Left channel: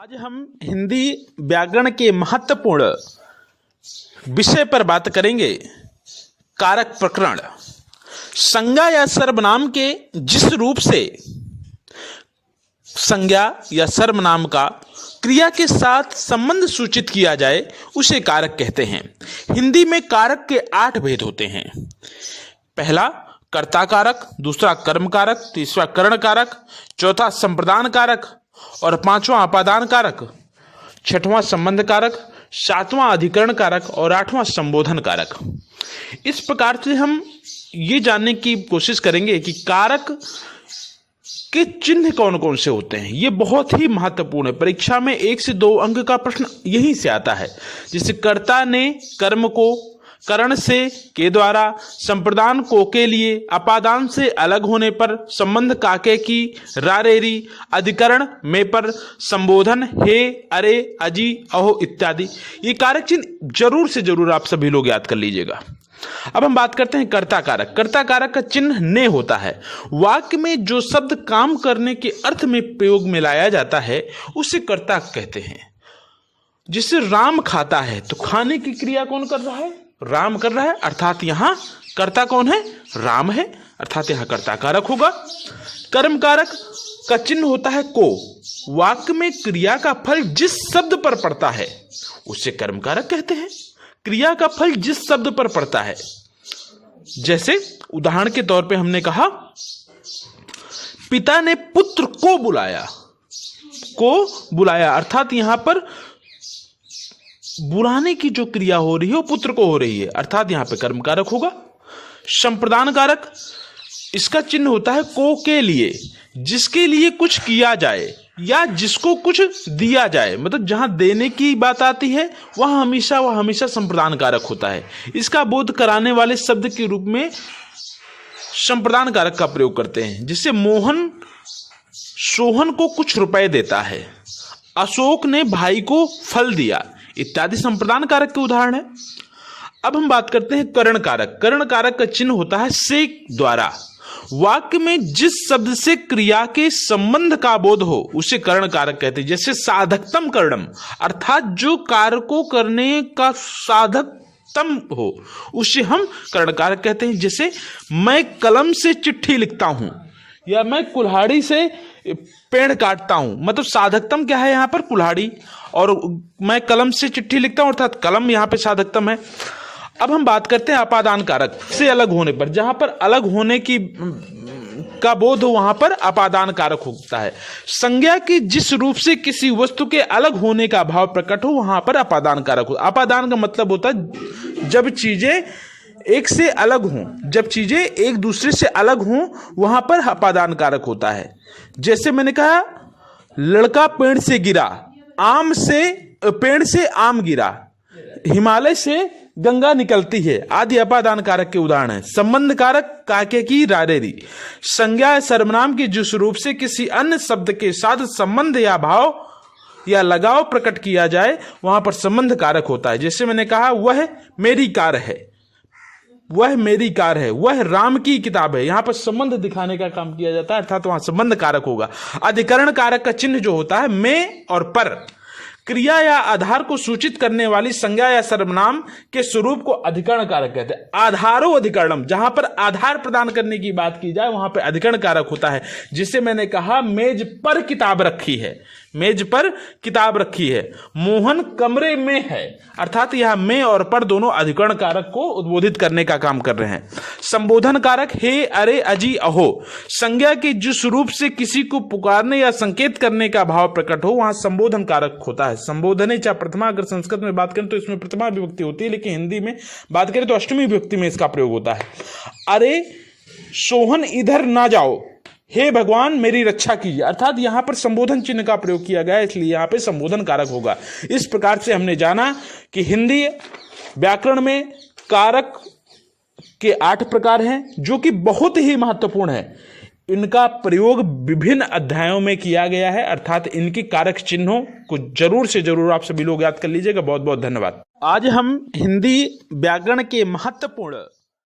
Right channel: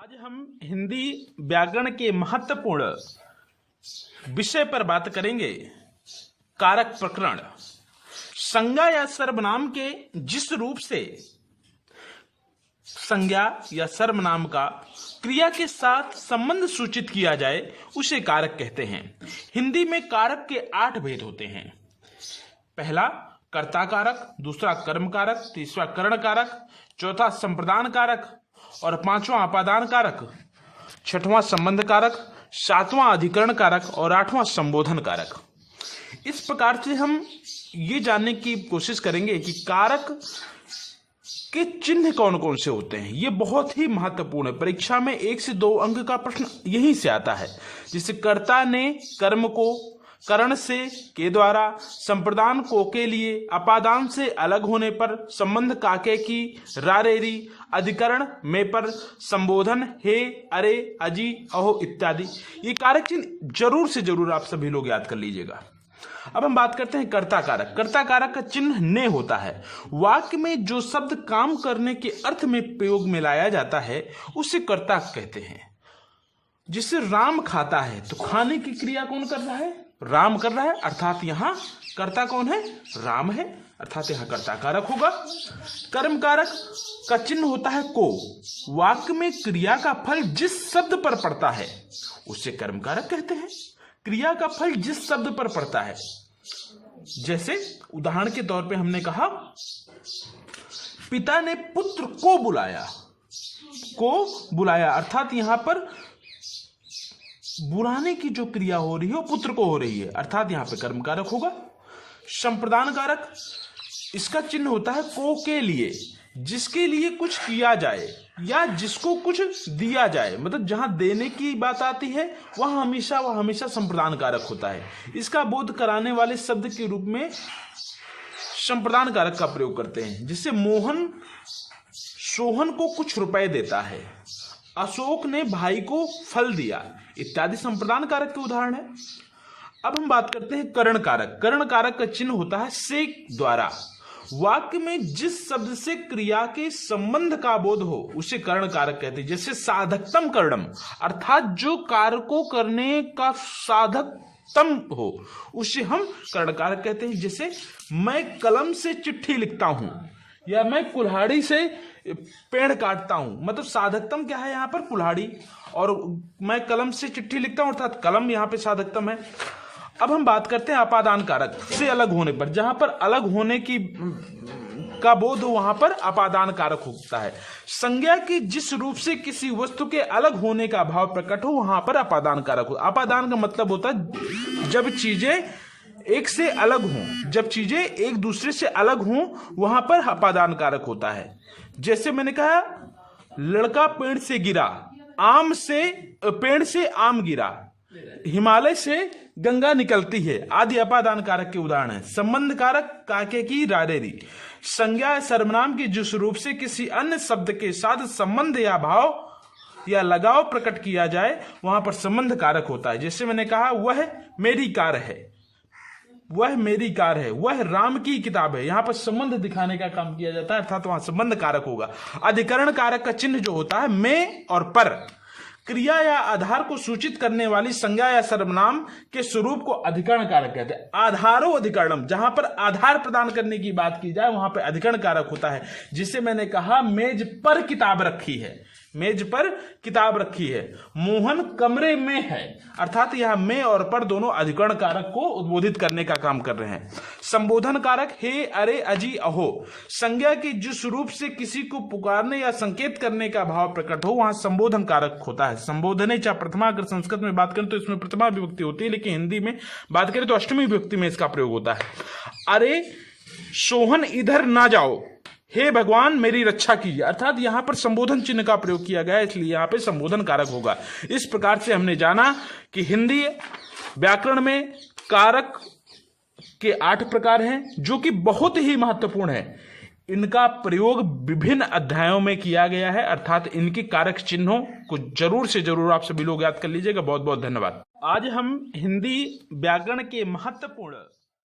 आज हम हिंदी व्याकरण के महत्वपूर्ण विषय पर बात करेंगे। कारक प्रकरण। संज्ञा या सर्वनाम के जिस रूप से संज्ञा या सर्वनाम का क्रिया के साथ संबंध सूचित किया जाए उसे कारक कहते हैं। हिंदी में कारक के 8 भेद होते हैं। पहला कर्ता कारक, दूसरा कर्म कारक, तीसरा करण कारक, चौथा संप्रदान कारक और पांचवां अपादान कारक, छठवां संबंध कारक, सातवां अधिकरण कारक और आठवां संबोधन कारक। इस प्रकार से हम ये जानने की कोशिश करेंगे कि कारक के चिन्ह कौन कौन से होते हैं। ये बहुत ही महत्वपूर्ण है। परीक्षा में 1 से 2 अंक का प्रश्न यहीं से आता है। जैसे कर्ता ने कर्म को करण से के द्वारा, संप्रदान को के लिए, अपादान से अलग होने पर, संबंध काके की, रारेरी, अधिकरण में पर, संबोधन हे, अरे, अजी, अहो इत्यादि। ये कारक चिन्ह जरूर से जरूर आप सभी लोग याद कर लीजिएगा। अब हम बात करते हैं कर्ता कारक। कर्ता कारक का चिन्ह ने होता है। वाक्य में जो शब्द काम करने के अर्थ में प्रयोग में लाया जाता है उसे कर्ता कहते हैं। जिससे राम खाता है तो खाने की क्रिया कौन कर रहा है? राम कर रहा है, अर्थात यहां कर्ता कौन है? राम है, अर्थात यहां कर्ता कारक होगा। कर्म कारक का चिन्ह होता है को। वाक्य में क्रिया का फल जिस शब्द पर पड़ता है उसे कर्म कारक कहते हैं। क्रिया का फल जिस शब्द पर पड़ता है, जैसे उदाहरण के तौर पे हमने कहा पिता ने पुत्र को बुलाया। को बुलाया अर्थात यहां पर बुलाने की जो क्रिया हो रही है वो पुत्र को हो रही है, अर्थात यहां पे कर्म कारक होगा। संप्रदान कारक, इसका चिन्ह होता है को के लिए। जिसके लिए कुछ किया जाए या जिसको कुछ दिया जाए, मतलब जहां देने की बात आती है वह हमेशा संप्रदान कारक होता है। इसका बोध कराने वाले शब्द के रूप में संप्रदान कारक का प्रयोग करते हैं। जिससे मोहन सोहन को कुछ रुपए देता है, अशोक ने भाई को फल दिया इत्यादि संप्रदान कारक के उदाहरण है। अब हम बात करते हैं करण कारक। करण कारक का चिन्ह होता है से द्वारा। वाक्य में जिस शब्द से क्रिया के संबंध का बोध हो उसे करण कारक कहते हैं। जैसे साधकतम करणम, अर्थात जो कार्य को करने का साधकतम हो उसे हम करण कारक कहते हैं। जैसे मैं कलम से चिट्ठी लिखता हूं या मैं कुल्हाड़ी से पेड़ काटता हूं, मतलब साधकतम क्या है यहां पर? कुल्हाड़ी। और मैं कलम से चिट्ठी लिखता हूं अर्थात कलम यहां पे साधकतम है। अब हम बात करते हैं अपादान कारक से अलग होने पर। जहां पर अलग होने की का बोध हो वहां पर अपादान कारक होता है। संज्ञा के जिस रूप से किसी वस्तु के अलग होने का भाव प्रकट हो वहां पर अपादान कारक हो। अपादान का मतलब होता है जब चीजें एक से अलग हों, जब चीजें एक दूसरे से अलग हों वहां पर अपादान कारक होता है। जैसे मैंने कहा लड़का पेड़ से गिरा, पेड़ से आम गिरा, हिमालय से गंगा निकलती है आदि अपादान कारक के उदाहरण है। संबंध कारक काके की, रारेरी। संज्ञा सर्वनाम के जिस रूप से किसी अन्य शब्द के साथ संबंध या भाव या लगाव प्रकट किया जाए वहां पर संबंध कारक होता है। जैसे मैंने कहा वह मेरी कार है, वह मेरी कार है, वह राम की किताब है। यहां पर संबंध दिखाने का काम किया जाता है, अर्थात वहां संबंध कारक होगा। अधिकरण कारक का चिन्ह जो होता है में और पर। क्रिया या आधार को सूचित करने वाली संज्ञा या सर्वनाम के स्वरूप को अधिकरण कारक कहते हैं। आधारो अधिकरणम, जहां पर आधार प्रदान करने की बात की जाए वहां पर अधिकरण कारक होता है। जिसे मैंने कहा मेज पर किताब रखी है, मेज पर किताब रखी है। मोहन कमरे में है, अर्थात यह में और पर दोनों अधिकरण कारक को उद्बोधित करने का काम कर रहे हैं। संबोधन कारक हे, अरे, अजी, अहो। संज्ञा के जिस रूप से किसी को पुकारने या संकेत करने का भाव प्रकट हो वहां संबोधन कारक होता है। संबोधने चाहे प्रथमा, अगर संस्कृत में बात करें तो इसमें प्रथमा विभक्ति होती है, लेकिन हिंदी में बात करें तो अष्टमी विभक्ति में इसका प्रयोग होता है। अरे सोहन इधर ना जाओ, हे भगवान मेरी रक्षा कीजिए, अर्थात यहां पर संबोधन चिन्ह का प्रयोग किया गया है, इसलिए यहां पे संबोधन कारक होगा। इस प्रकार से हमने जाना कि हिंदी व्याकरण में कारक के 8 प्रकार हैं जो कि बहुत ही महत्वपूर्ण है। इनका प्रयोग विभिन्न अध्यायों में किया गया है, अर्थात इनकी कारक चिन्हों को जरूर से जरूर आप सभी लोग याद कर लीजिएगा। बहुत बहुत धन्यवाद। आज हम हिंदी व्याकरण के महत्वपूर्ण